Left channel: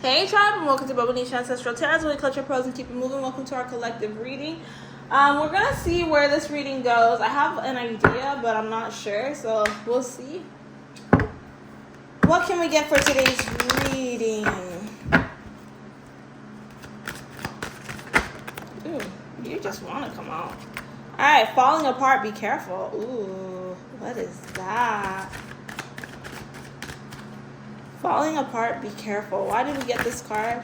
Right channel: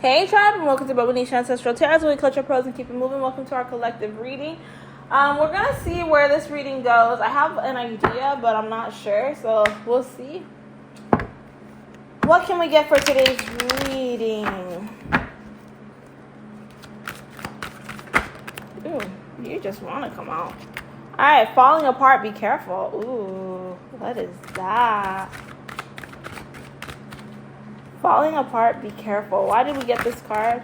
Hey tribe, and welcome to Bobo-Nesha Ancestral Tarot, where we culture pros and keep it moving. Welcome to our collective reading. We're going to see where this reading goes. I have an idea, but I'm not sure, so we'll see. What can we get for today's reading? Ooh, you just want to come out. Alright, falling apart, be careful. Ooh, what is that? Falling apart, be careful. Why did we get this card?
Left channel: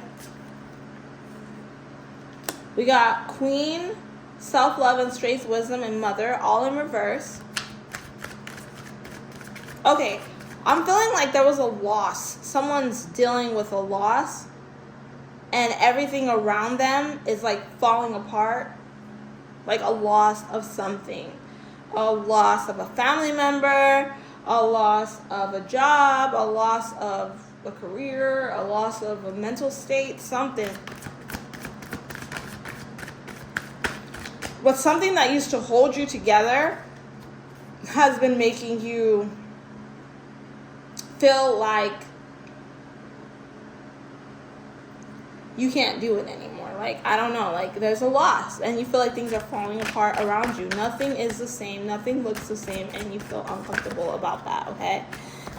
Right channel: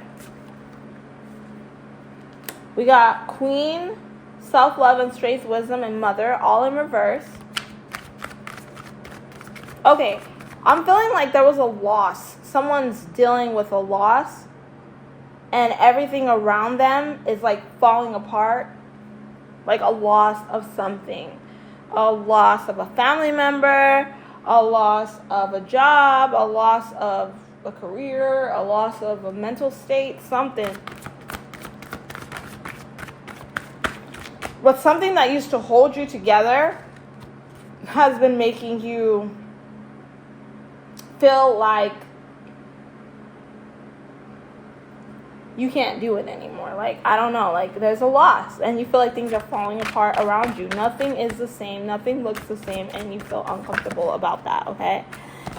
We got Queen, self-love and strength, wisdom, and mother, all in reverse. Okay, I'm feeling like there was a loss. Someone's dealing with a loss, and everything around them is like falling apart. Like a loss of something. A loss of a family member, a loss of a job, a loss of a career, a loss of a mental state, something. But something that used to hold you together has been making you feel like you can't do it anymore. Like, I don't know, like there's a loss and you feel like things are falling apart around you. Nothing is the same, nothing looks the same, and you feel uncomfortable about that, okay?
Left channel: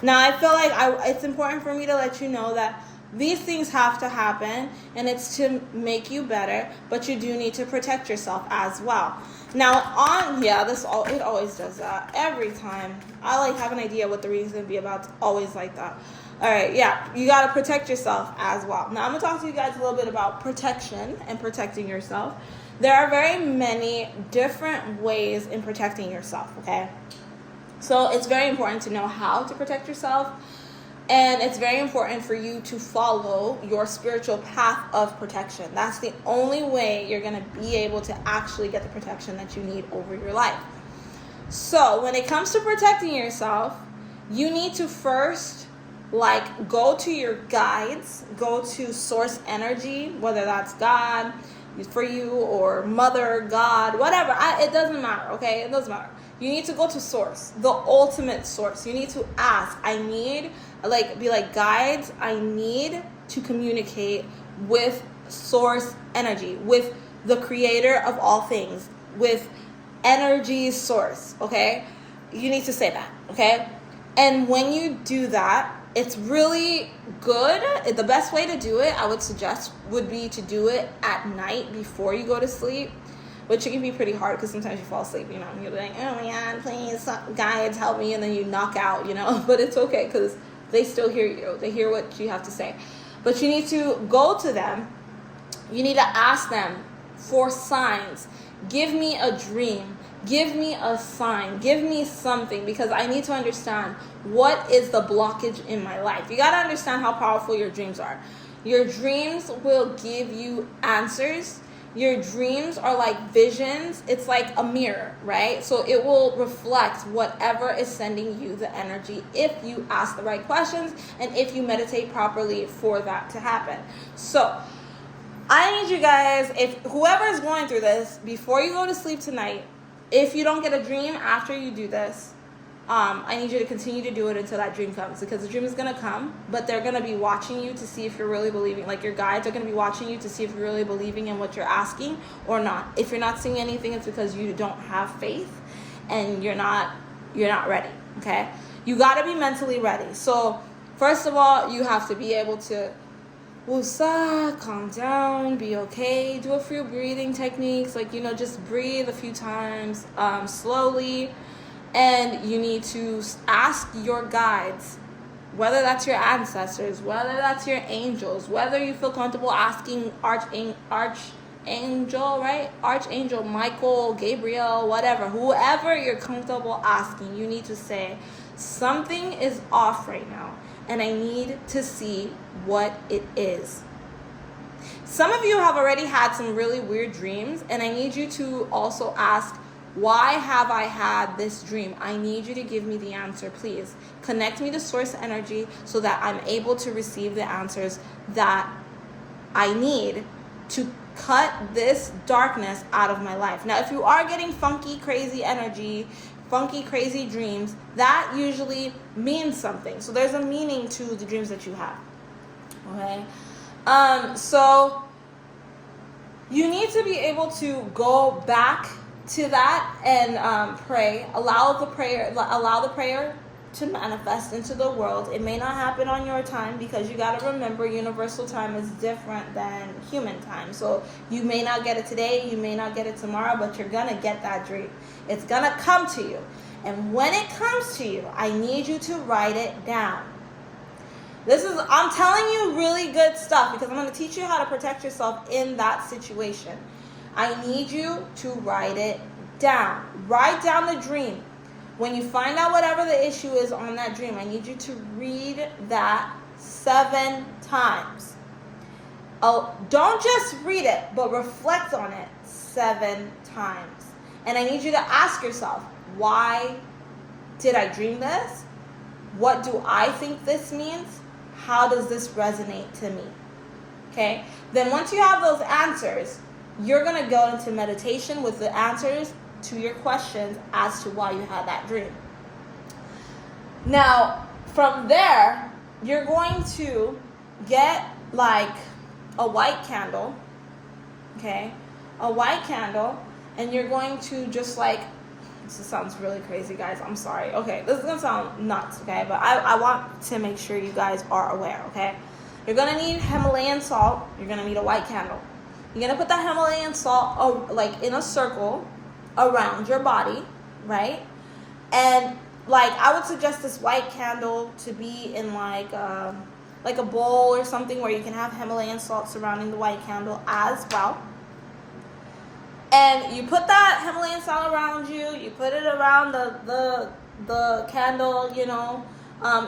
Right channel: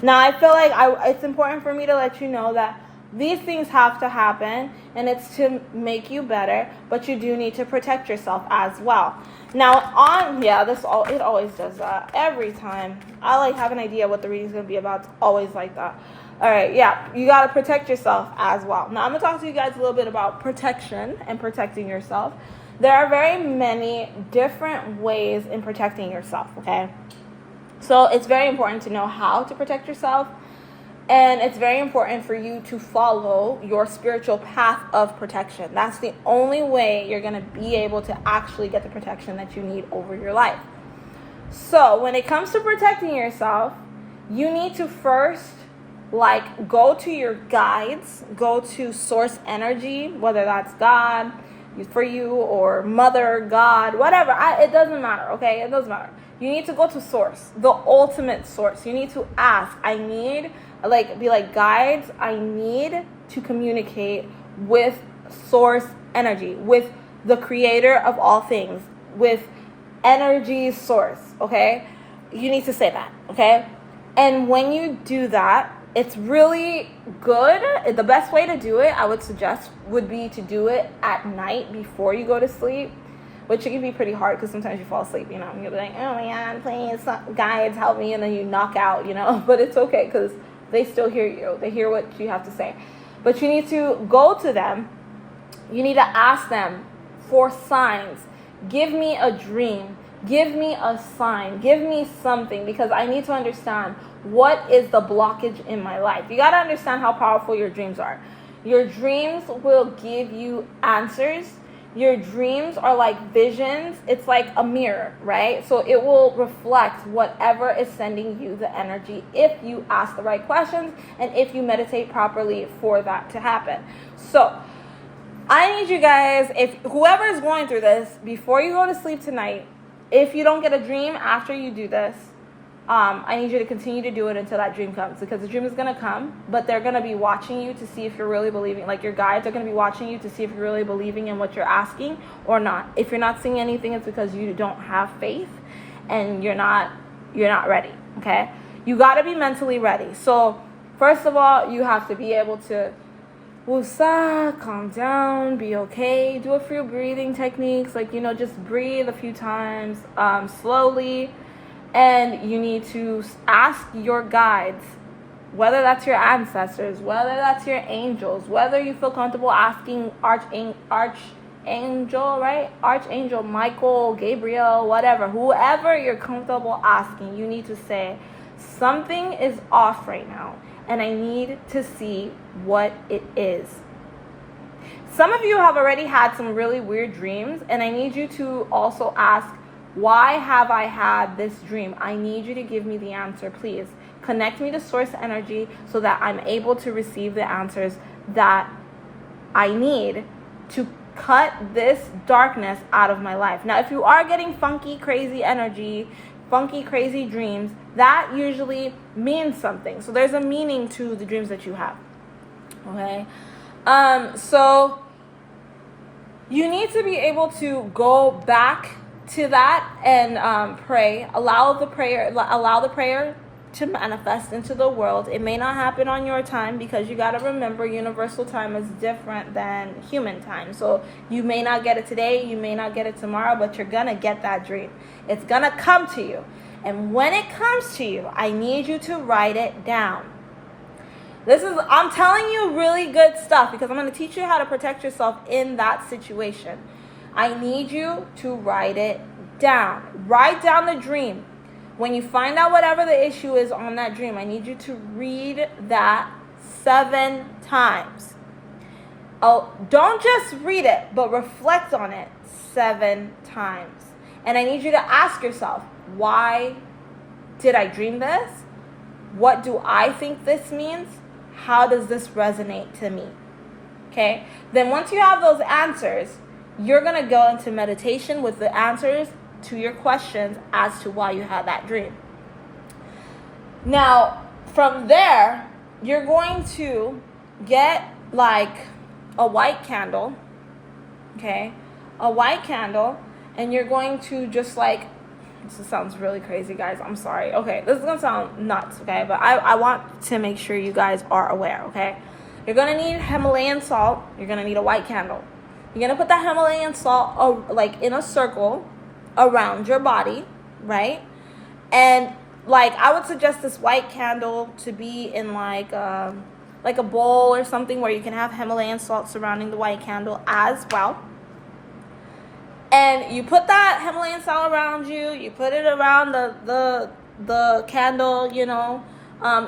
Now, I feel like it's important for me to let you know that these things have to happen, and it's to make you better, but you do need to protect yourself as well. Now, it always does that every time. I like have an idea what the reading's gonna be about. It's always like that. All right, yeah, you got to protect yourself as well. Now, I'm going to talk to you guys a little bit about protection and protecting yourself. There are very many different ways in protecting yourself, okay? So it's very important to know how to protect yourself, and it's very important for you to follow your spiritual path of protection. That's the only way you're going to be able to actually get the protection that you need over your life. So when it comes to protecting yourself, you need to first go to your guides, go to source energy, whether that's God for you or mother, God, whatever. It doesn't matter, okay? It doesn't matter. You need to go to source, the ultimate source. You need to ask. Guides, I need to communicate with source energy, with the creator of all things, with energy source, okay? You need to say that, okay? And when you do that, it's really good. The best way to do it, I would suggest, would be to do it at night before you go to sleep, which it can be pretty hard because sometimes you fall asleep, you know. You're like, oh my God, please, guides, help me, and then you knock out, you know. But it's okay because they still hear you. They hear what you have to say. But you need to go to them. You need to ask them for signs. Give me a dream. Give me a sign. Give me something, because I need to understand what is the blockage in my life. You got to understand how powerful your dreams are. Your dreams will give you answers. Your dreams are like visions. It's like a mirror, right? So it will reflect whatever is sending you the energy if you ask the right questions and if you meditate properly for that to happen. So I need you guys, if whoever is going through this, before you go to sleep tonight, if you don't get a dream after you do this, I need you to continue to do it until that dream comes, because the dream is going to come, but they're going to be watching you to see if you're really believing. Like, your guides are going to be watching you to see if you're really believing in what you're asking or not. If you're not seeing anything, it's because you don't have faith and you're not ready, okay? You got to be mentally ready. So first of all, you have to be able to woosah, calm down, be okay. Do a few breathing techniques, just breathe a few times slowly. And you need to ask your guides, whether that's your ancestors, whether that's your angels, whether you feel comfortable asking Archangel, right? Archangel Michael, Gabriel, whatever, whoever you're comfortable asking, you need to say, something is off right now, and I need to see what it is. Some of you have already had some really weird dreams, and I need you to also ask, why have I had this dream? I need you to give me the answer, please. Connect me to source energy so that I'm able to receive the answers that I need to cut this darkness out of my life. Now, if you are getting funky, crazy energy, funky, crazy dreams, that usually means something. So there's a meaning to the dreams that you have, okay? So you need to be able to go back to that and pray. Allow the prayer to manifest into the world. It may not happen on your time, because you got to remember universal time is different than human time. So you may not get it today, you may not get it tomorrow, but you're gonna get that dream. It's gonna come to you. And when it comes to you, I need you to write it down. I'm telling you really good stuff, because I'm going to teach you how to protect yourself in that situation. I need you to write it down. Write down the dream. When you find out whatever the issue is on that dream, I need you to read that 7 times. Oh, don't just read it, but reflect on it 7 times. And I need you to ask yourself, why did I dream this? What do I think this means? How does this resonate to me? Okay? Then once you have those answers, you're going to go into meditation with the answers to your questions as to why you had that dream. Now, from there, you're going to get like a white candle, okay? A white candle, and you're going to just like, this sounds really crazy, guys. I'm sorry. Okay, this is going to sound nuts, okay? But I want to make sure you guys are aware, okay? You're going to need Himalayan salt. You're going to need a white candle. You're going to put that Himalayan salt like in a circle around your body, right? And like I would suggest this white candle to be in like a bowl or something where you can have Himalayan salt surrounding the white candle as well. And you put that Himalayan salt around you. You put it around the candle, you know.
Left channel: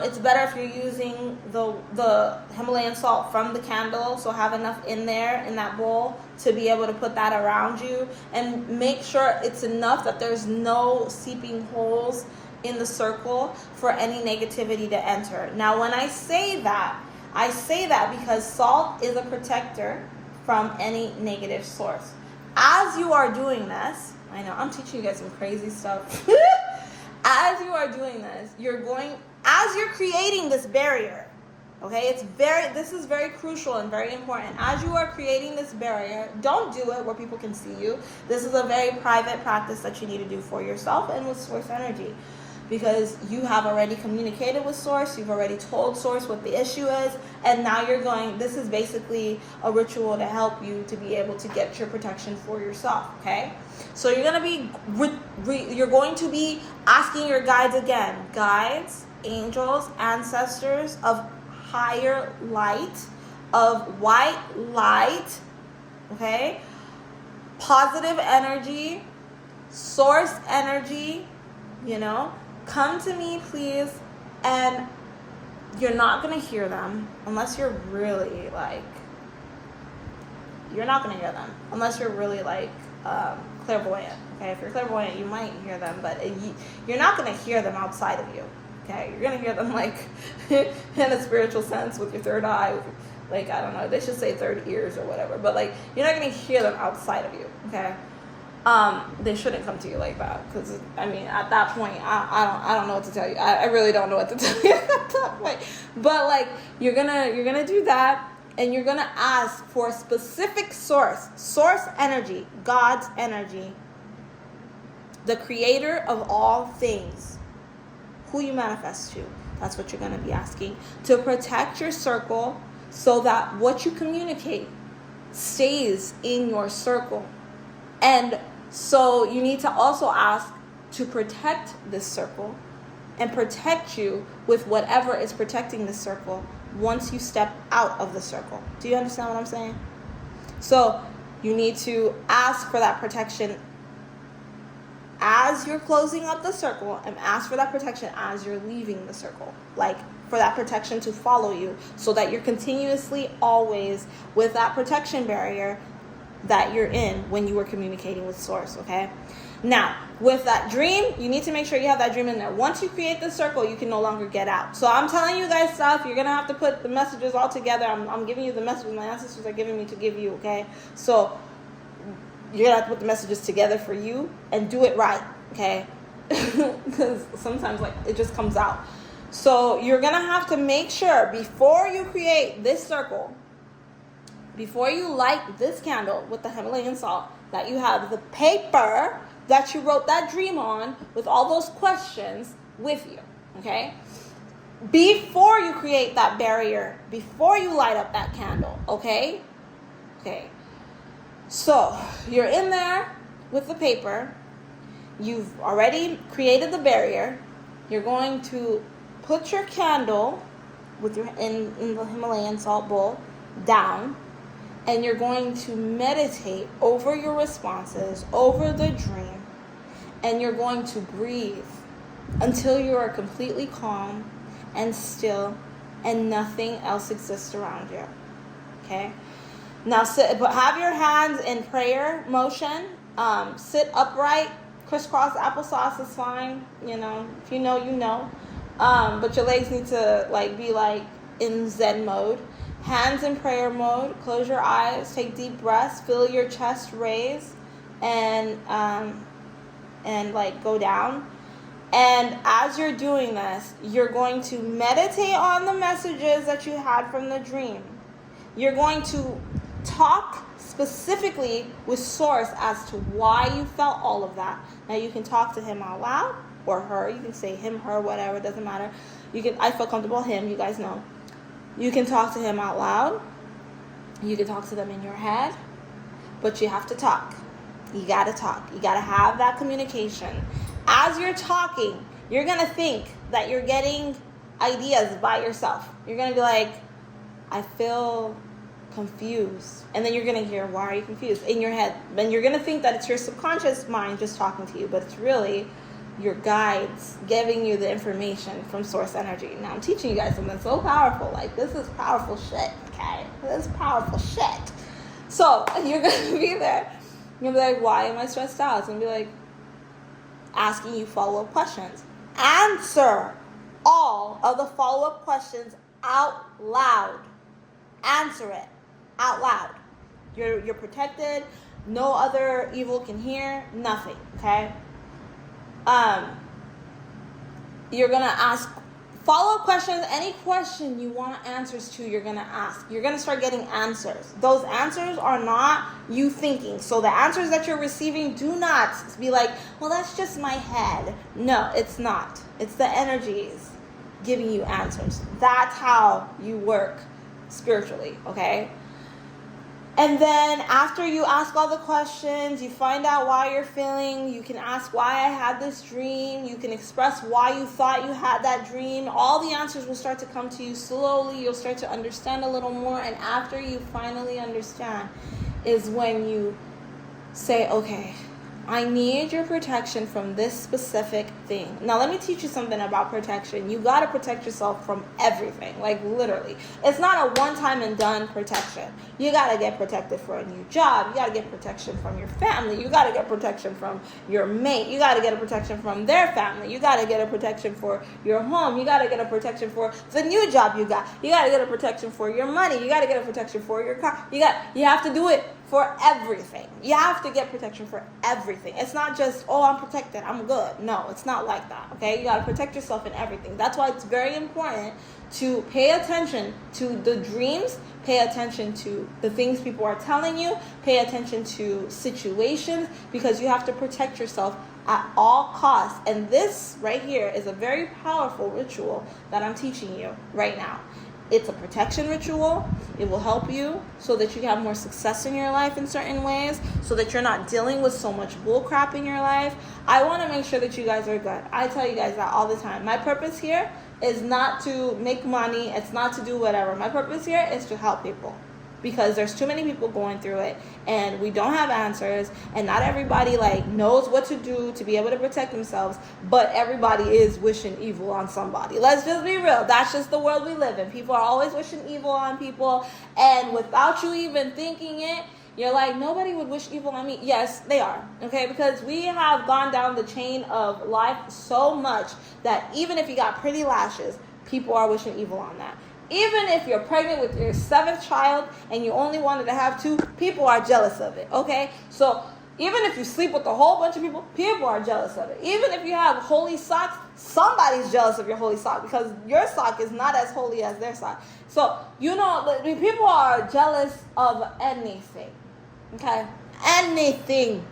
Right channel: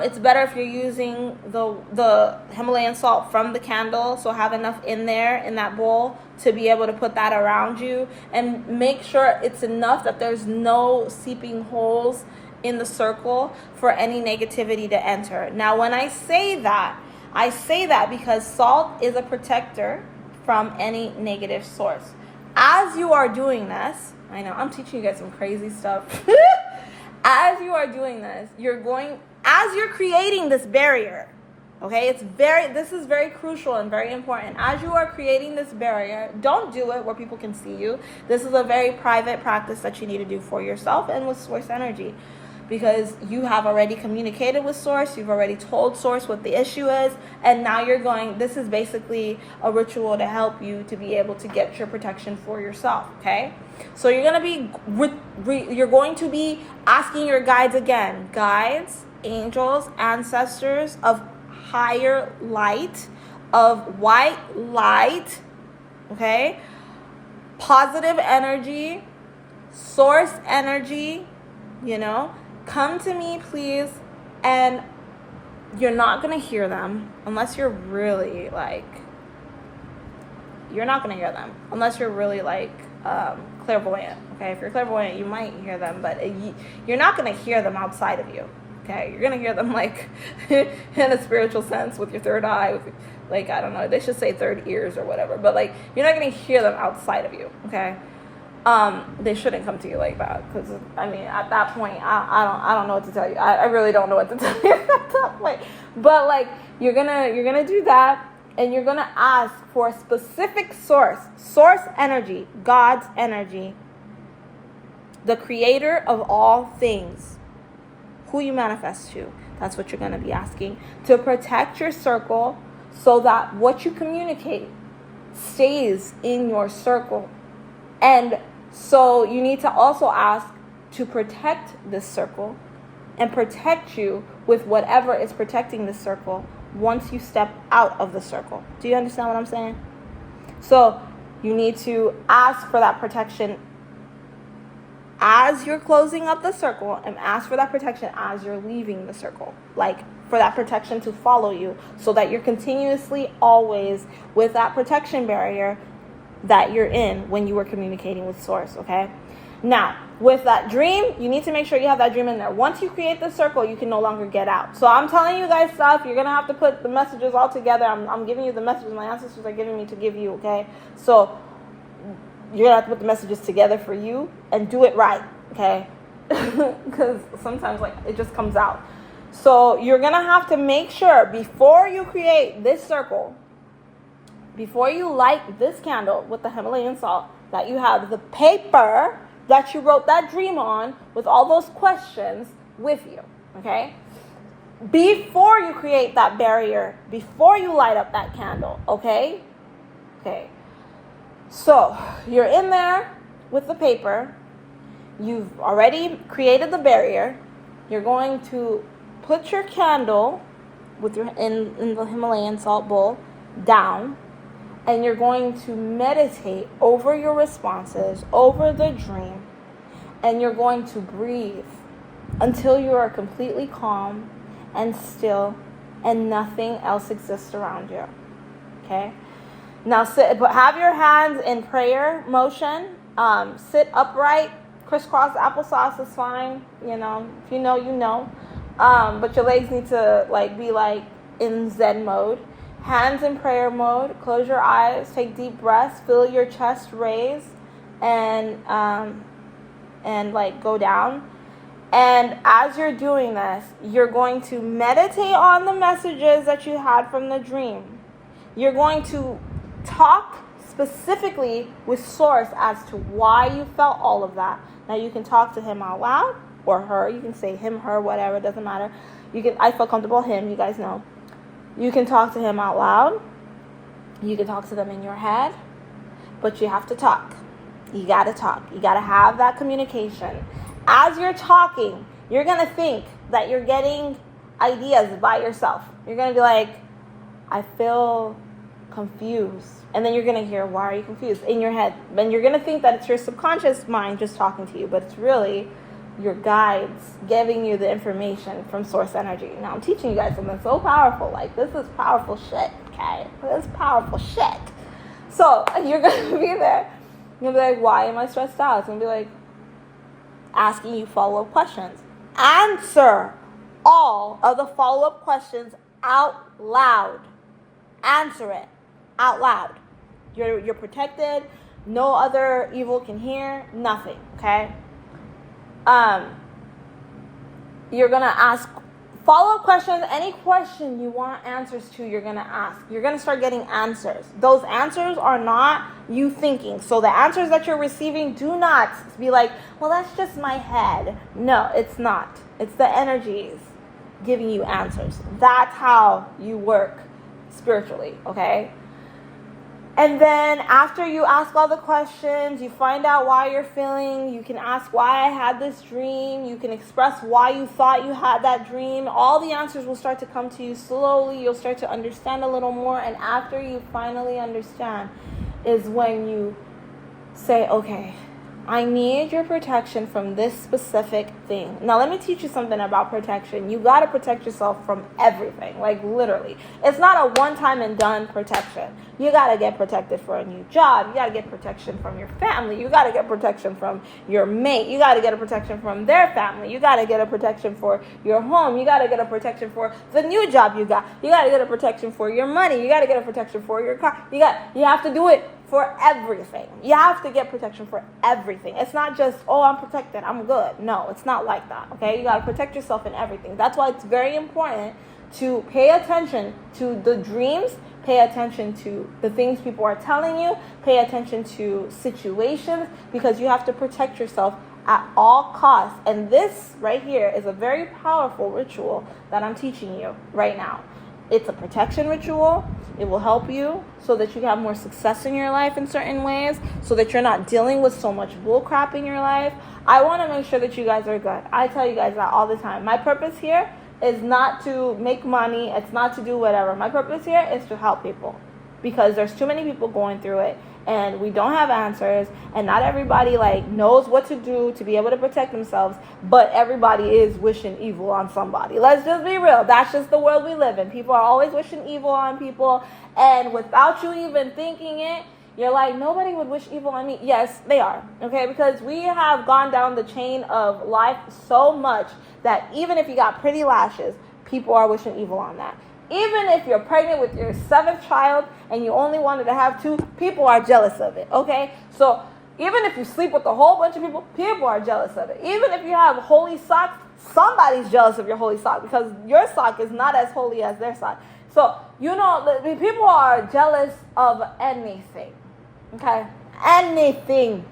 It's better if you're using the Himalayan salt from the candle. So have enough in there, in that bowl, to be able to put that around you. And make sure it's enough that there's no seeping holes in the circle for any negativity to enter. Now, when I say that because salt is a protector from any negative source. As you are doing this, I know I'm teaching you guys some crazy stuff. As you are doing this, as you're creating this barrier, okay, this is very crucial and very important. As you are creating this barrier, don't do it where people can see you. This is a very private practice that you need to do for yourself and with source energy. Because you have already communicated with source, you've already told source what the issue is, and now this is basically a ritual to help you to be able to get your protection for yourself, okay? So you're going to be asking your guides again, guides, angels, ancestors of higher light, of white light, okay? Positive energy, source energy, you know? Come to me, please. And you're not going to hear them unless you're really like, clairvoyant. Okay, if you're clairvoyant, you might hear them, but you're not going to hear them outside of you. Okay, you're going to hear them like in a spiritual sense with your third eye, like, I don't know, they should say third ears or whatever, but like, you're not going to hear them outside of you. Okay. They shouldn't come to you like that, because I mean, at that point, I don't know what to tell you. I really don't know what to tell you at that point. But like, you're gonna do that, and you're gonna ask for a specific source energy, God's energy, the creator of all things, who you manifest to. That's what you're gonna be asking, to protect your circle, so that what you communicate stays in your circle. And so you need to also ask to protect this circle and protect you with whatever is protecting this circle once you step out of the circle. Do you understand what I'm saying? So you need to ask for that protection as you're closing up the circle, and ask for that protection as you're leaving the circle. Like, for that protection to follow you, so that you're continuously always with that protection barrier that you're in when you were communicating with source, okay? Now, with that dream, you need to make sure you have that dream in there. Once you create the circle, you can no longer get out. So I'm telling you guys stuff. You're going to have to put the messages all together. I'm giving you the messages my ancestors are giving me to give you, okay? So you're going to have to put the messages together for you and do it right, okay? Because sometimes, like, it just comes out. So you're going to have to make sure before you create this circle, before you light this candle with the Himalayan salt, that you have the paper that you wrote that dream on with all those questions with you, okay? Before you create that barrier, before you light up that candle, okay? Okay. So, you're in there with the paper. You've already created the barrier. You're going to put your candle with your in the Himalayan salt bowl down, and you're going to meditate over your responses, over the dream, and you're going to breathe until you are completely calm and still and nothing else exists around you. Okay? Now sit, but have your hands in prayer motion. Sit upright. Crisscross applesauce is fine. You know, if you know, you know. But your legs need to be in Zen mode. Hands in prayer mode. Close your eyes. Take deep breaths. Feel your chest raise, and go down. And as you're doing this, you're going to meditate on the messages that you had from the dream. You're going to talk specifically with Source as to why you felt all of that. Now you can talk to him out loud, or her. You can say him, her, whatever. It doesn't matter. I feel comfortable him. You guys know. You can talk to him out loud. You can talk to them in your head. But you have to talk. You got to talk. You got to have that communication. As you're talking, you're going to think that you're getting ideas by yourself. You're going to be like, I feel confused. And then you're going to hear, why are you confused? In your head. And you're going to think that it's your subconscious mind just talking to you. But it's really your guides giving you the information from Source Energy. Now, I'm teaching you guys something so powerful. This is powerful shit, okay? This is powerful shit. So, you're going to be there. You're going to be like, why am I stressed out? It's going to be like, asking you follow-up questions. Answer all of the follow-up questions out loud. Answer it out loud. You're protected. No other evil can hear. Nothing. Okay. You're gonna ask follow-up questions. Any question you want answers to, you're gonna ask. You're gonna start getting answers. Those answers are not you thinking. So the answers that you're receiving, do not be like, well, that's just my head. No, it's not. It's the energies giving you answers. That's how you work spiritually, okay? And then after you ask all the questions, you find out why you're feeling. You can ask why I had this dream. You can express why you thought you had that dream. All the answers will start to come to you slowly. You'll start to understand a little more. And after you finally understand is when you say, okay, I need your protection from this specific thing. Now, let me teach you something about protection. You got to protect yourself from everything, literally. It's not a one-time and done protection. You got to get protected for a new job. You got to get protection from your family. You got to get protection from your mate. You got to get a protection from their family. You got to get a protection for your home. You got to get a protection for the new job you got. You got to get a protection for your money. You got to get a protection for your car. You have to do it for everything. You have to get protection for everything. It's not just, oh, I'm protected, I'm good. No, it's not like that, okay? You got to protect yourself in everything. That's why it's very important to pay attention to the dreams, pay attention to the things people are telling you, pay attention to situations, because you have to protect yourself at all costs. And this right here is a very powerful ritual that I'm teaching you right now. It's a protection ritual. It will help you so that you have more success in your life in certain ways, so that you're not dealing with so much bull crap in your life. I want to make sure that you guys are good. I tell you guys that all the time. My purpose here is not to make money. It's not to do whatever. My purpose here is to help people, because there's too many people going through it and we don't have answers, and not everybody knows what to do to be able to protect themselves, but everybody is wishing evil on somebody. Let's just be real. That's just the world we live in. People are always wishing evil on people, and without you even thinking it, you're like, nobody would wish evil on me. Yes, they are, okay? Because we have gone down the chain of life so much that even if you got pretty lashes, people are wishing evil on that. Even if you're pregnant with your 7th child and you only wanted to have 2, people are jealous of it, okay? So Even if you sleep with a whole bunch of people, people are jealous of it. Even if you have holy socks, somebody's jealous of your holy sock because your sock is not as holy as their sock. So, the people are jealous of anything. Okay? Anything.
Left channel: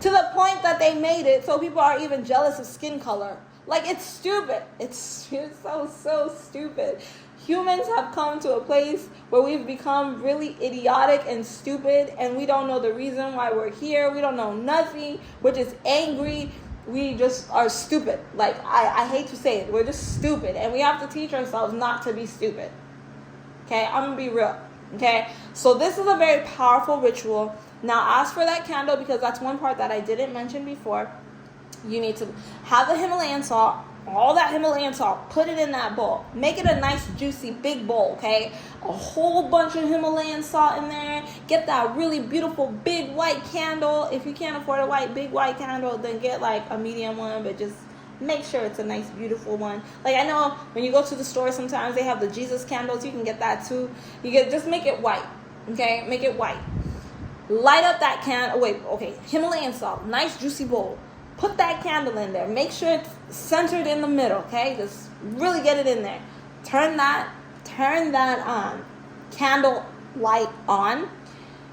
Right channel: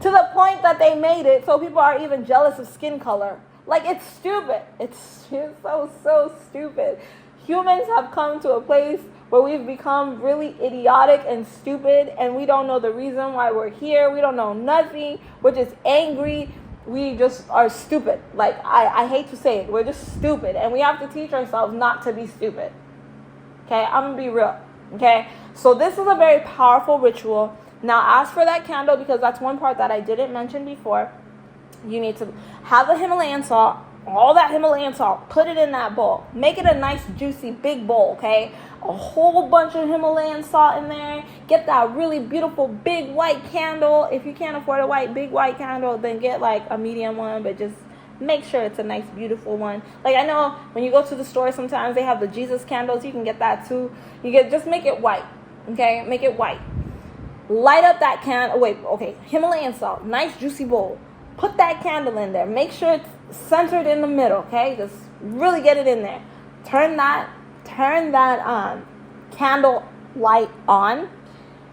To the point that they made it so people are even jealous of skin color. Like, it's stupid. It's so stupid. Humans have come to a place where we've become really idiotic and stupid, and we don't know the reason why we're here. We don't know nothing. We're just angry. We just are stupid. Like, I hate to say it. We're just stupid, and we have to teach ourselves not to be stupid. Okay? I'm going to be real. Okay? So this is a very powerful ritual. Now, ask for that candle because that's one part that I didn't mention before. You need to have the Himalayan salt, all that Himalayan salt, put it in that bowl. Make it a nice, juicy, big bowl, okay? A whole bunch of Himalayan salt in there. Get that really beautiful, big white candle. If you can't afford a big white candle, then get like a medium one, but just make sure it's a nice, beautiful one. Like, I know when you go to the store, sometimes they have the Jesus candles. You can get that too. Just make it white, okay? Make it white. Light up that candle. Himalayan salt, nice, juicy bowl. Put that candle in there. Make sure it's centered in the middle, okay? Just really get it in there. Turn that candle light on.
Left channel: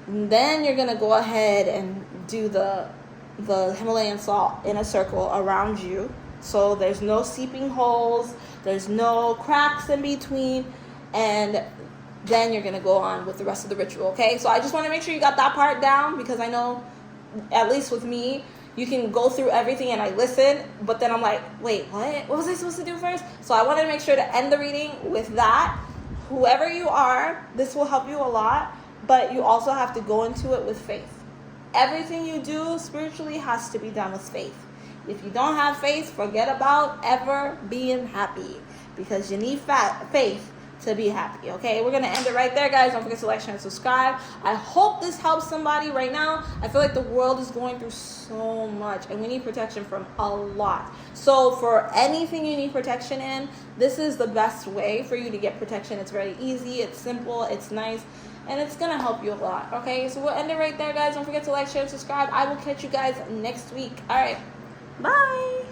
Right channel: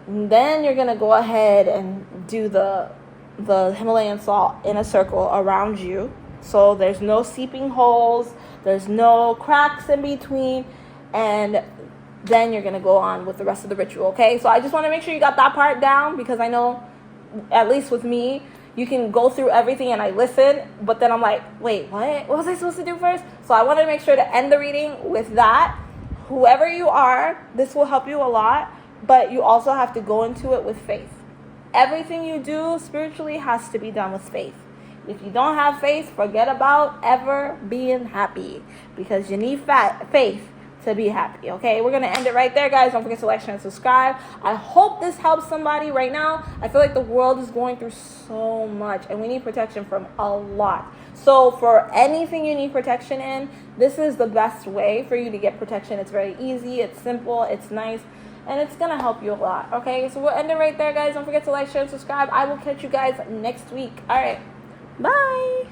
And then you're going to go ahead and do the Himalayan salt in a circle around you. So there's no seeping holes. There's no cracks in between. And then you're going to go on with the rest of the ritual, okay? So I just want to make sure you got that part down because I know, at least with me, you can go through everything and I listen, but then I'm like, wait, what? What was I supposed to do first? So I want to make sure to end the reading with that. Whoever you are, this will help you a lot, but you also have to go into it with faith. Everything you do spiritually has to be done with faith. If you don't have faith, forget about ever being happy because you need faith to be happy, okay? We're going to end it right there, guys. Don't forget to like, share, and subscribe. I hope this helps somebody right now. I feel like the world is going through so much, and we need protection from a lot. So for anything you need protection in, this is the best way for you to get protection. It's very easy, it's simple, it's nice, and it's going to help you a lot, okay? So we'll end it right there, guys. Don't forget to like, share, and subscribe. I will catch you guys next week. All right, bye.